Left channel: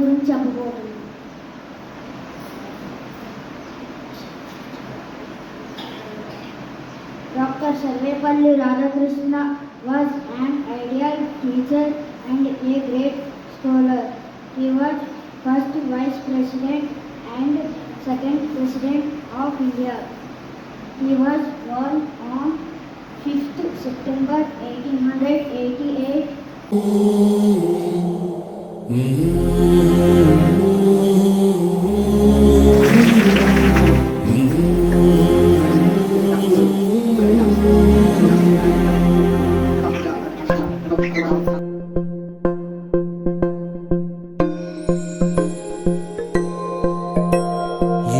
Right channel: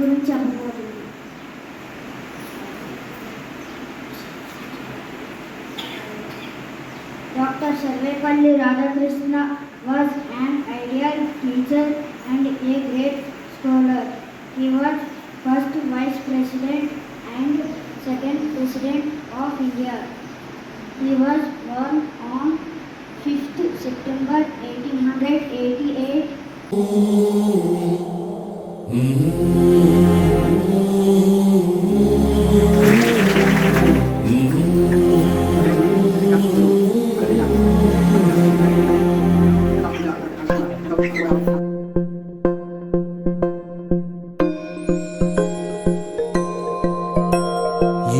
గురించి చెప్పబోతుంది. Dr. Sarvepalli Radhakrishna was an ideal teacher and a great scholar. He was first Vice President and second President of India. He was born on 5th September 1888.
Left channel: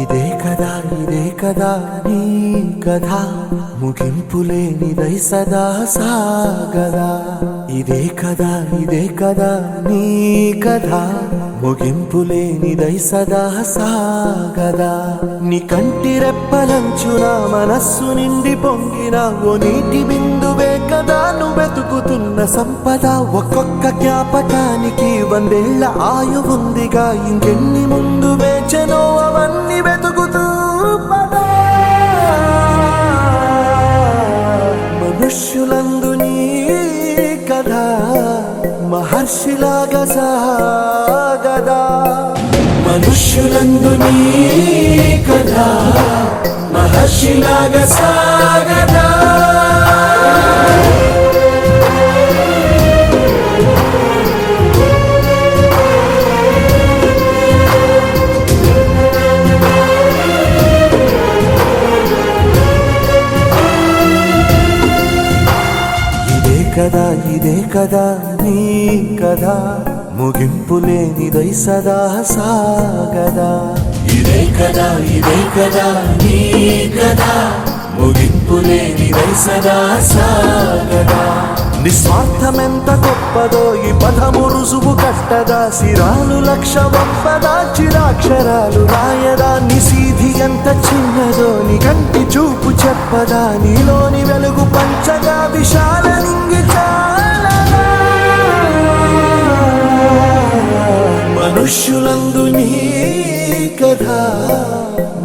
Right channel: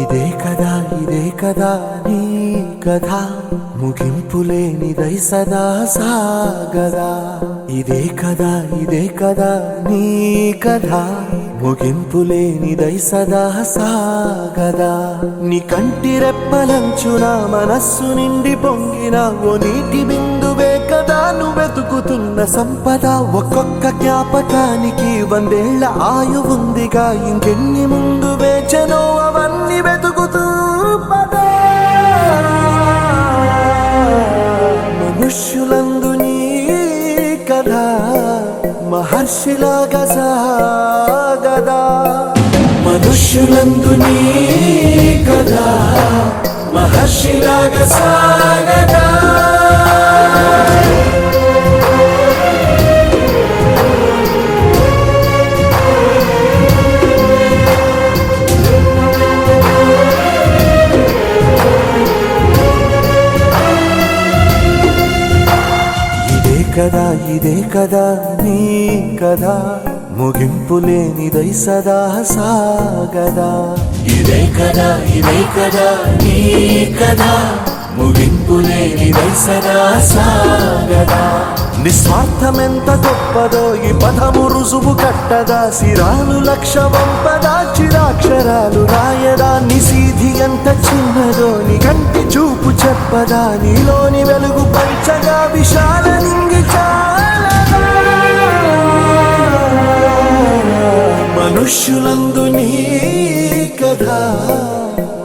ఇదే కదా నీ కథ ముగింపులేనిదై సదా సాగదా. ఇదే కదా నీ కథ ముగింపులేనిదై సదా సాగదా. నీ కంటి రెప్పలంచున మనస్సు నిండి పొంగిన ఓ నీటి బిందువే కదా నువ్వెతుకుతున్న సంపద. ఒక్కొక్క జ్ఞాపకానికి 100 ఏళ్ల ఆయువుందిగా, ఇంకెన్ని ముందు వేచనో అవన్నీ వెతుకుతూ పదా. మనుష్యులందు నీ కథ మహర్షిలాగా సాగదా. మనుష్యులందు నీ కథ మహర్షిలాగా సాగదా. ఇదే కదా నీ కదా ముగింపులేనిదై సదా సాగదా. ఇదే కదా నీ కదా ముగింపులేనిదై సదా సాగదా. నిస్వార్థమెంత గొప్పదో ఈ పదము రుజువు కట్టదా. సిరాలు 1,00,000 వంపదా, చిరాక్షరాలు రాయదా. నిశీధి ఎంత చిన్నదో నీ కంటి చూపు చెప్పదా. నీలోని వెలుగు పంచగా విశాల నింగి చాలదా. మనుష్యులందు నీ కథ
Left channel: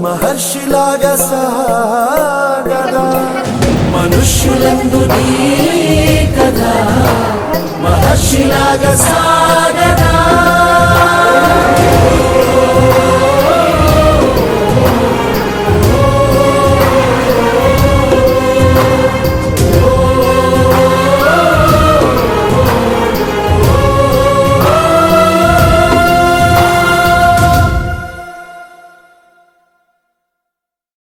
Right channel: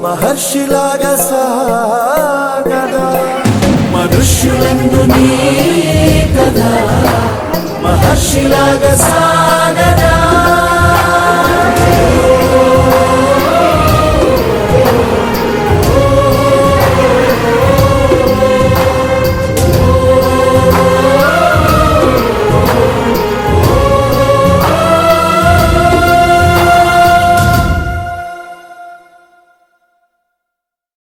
మహర్షిలాగా సాగదా. మనుష్యులందు నీ కథ మహర్షిలాగా సాగదా.